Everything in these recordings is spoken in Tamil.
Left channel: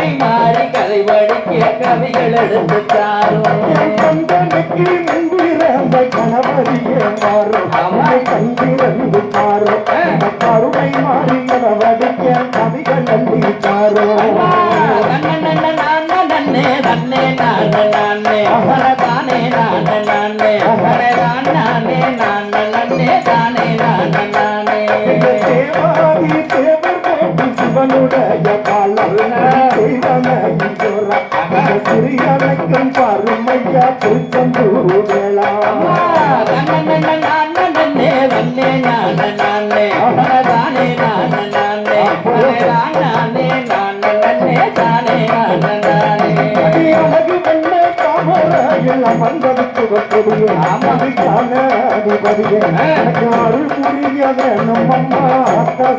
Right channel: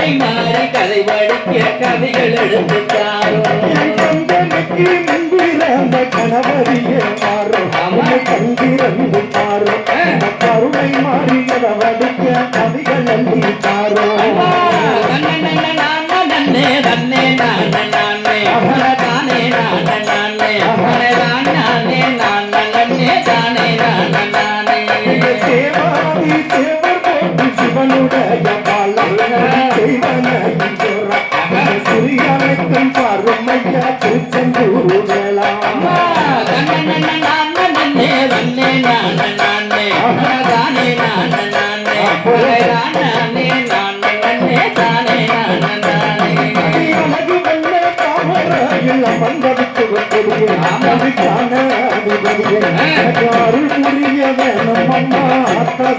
கருணை மாறி கதை படிக்கிற கதைகள் எடுத்து கருணை மாறியத வடிக்க அள்ளி பாரும் நன்னே நன்னே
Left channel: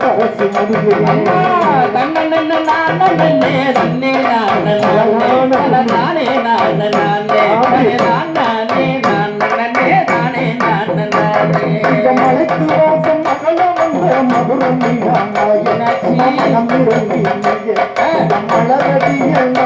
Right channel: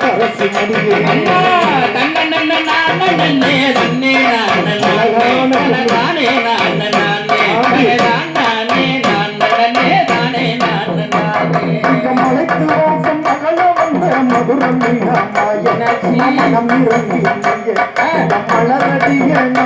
சரசு முடியும் இந்த மலைக்கு வாசம் மதுரம் மலரடிய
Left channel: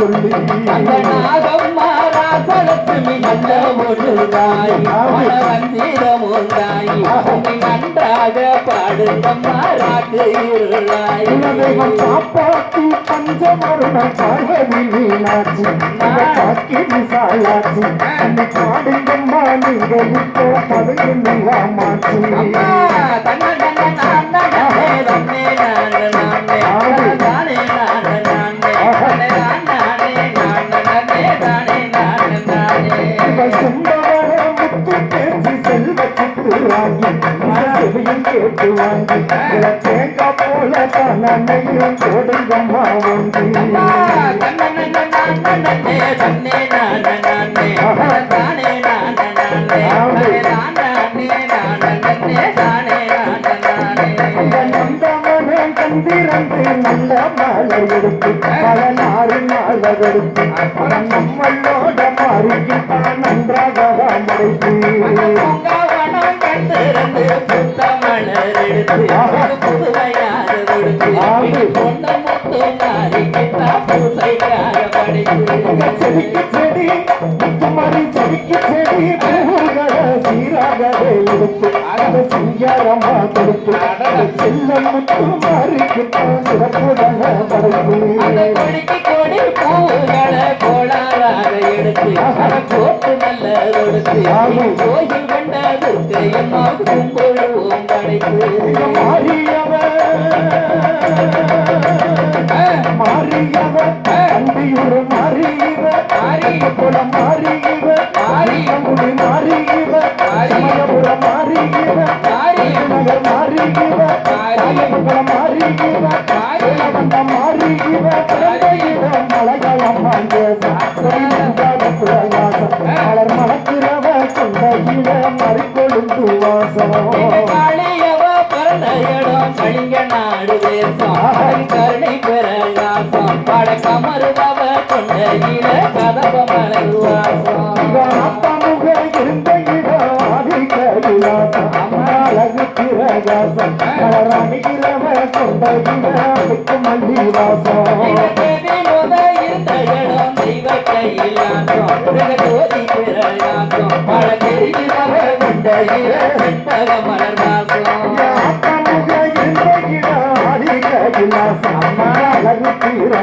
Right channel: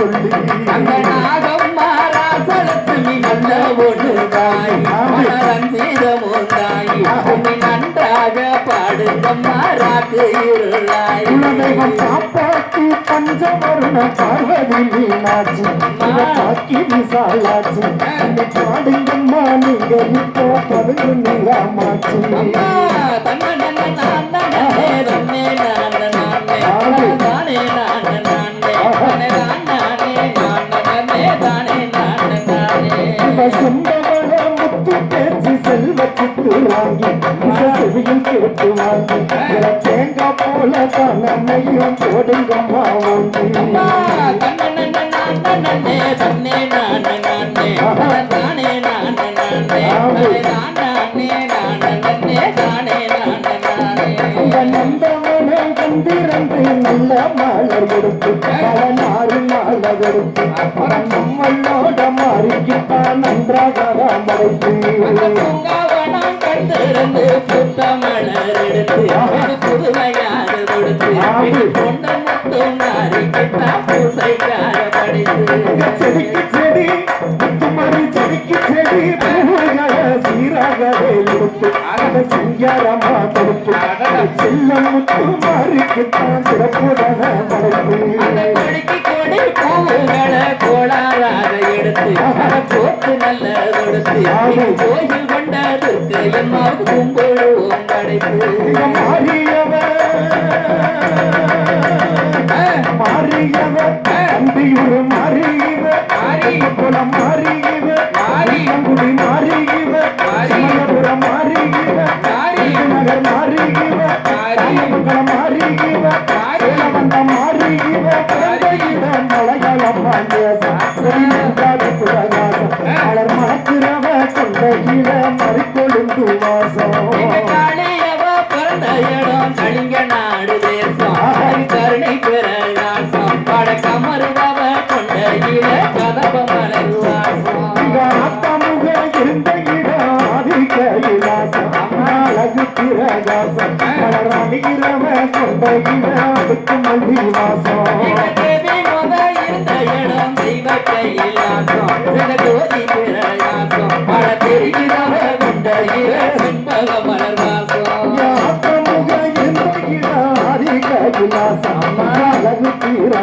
சொல்லி குலதெய்வம் காப்பாற்றி பஞ்சமருண பார்வதி மீனாட்சி காக்கி விசாலாட்சி அந்த பாடுங்கம்மா நீங்க இப்போ பதுங்கு சுந்தவன செவியும் கேட்டு வாங்கி தேங்காய் போல தன்னையும் போடுங்கம்மா வாங்கி நல்ல மாலை எடுத்து பல நாறு நாளகெடுத்து நம்மளோட மாறிக்கிட்ட நன்றாக மறைத்து செடிக்கு செடி முத்துமணி செடிக்கு செடி சீராகவே கொடுத்து அதை சிங்காரமா கொடுத்து. செல்லும் முத்து மாறிக்கிட்டான் சிறப்புடன படைத்து கோயில் கொண்டதற்கு எம்மா கும்பொழுவும் படைப்பு மாறியவர் மறிக்கொழுந்து வாசம் காளியவ இடம் கலிங்க நாடு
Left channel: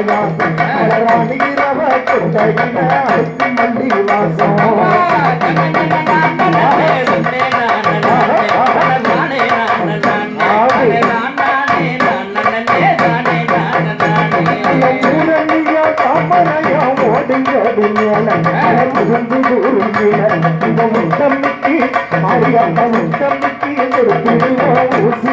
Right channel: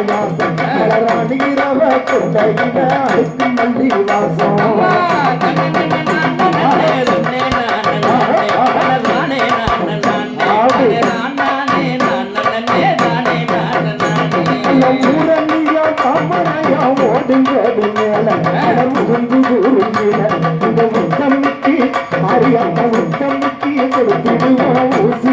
வாசம் ராணியிரவ கொண்டையினால் மல்லி வாசம் அறியாமல் ஊசி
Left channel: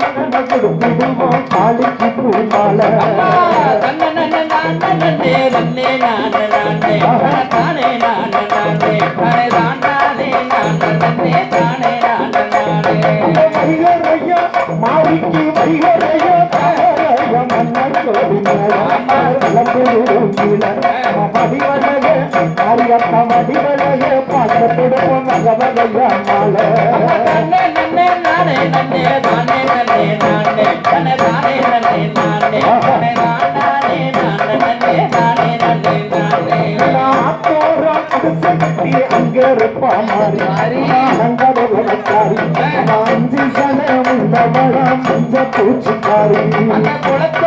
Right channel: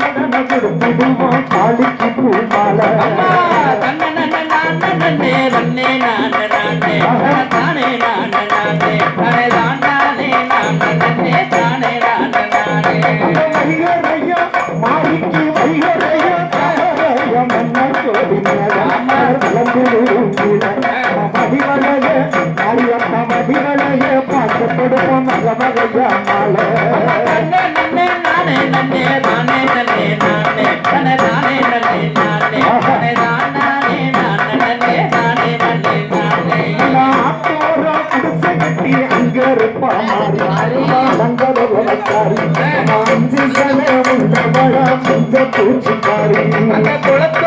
மலை பூச்சிக்காரி அந்த குளத்து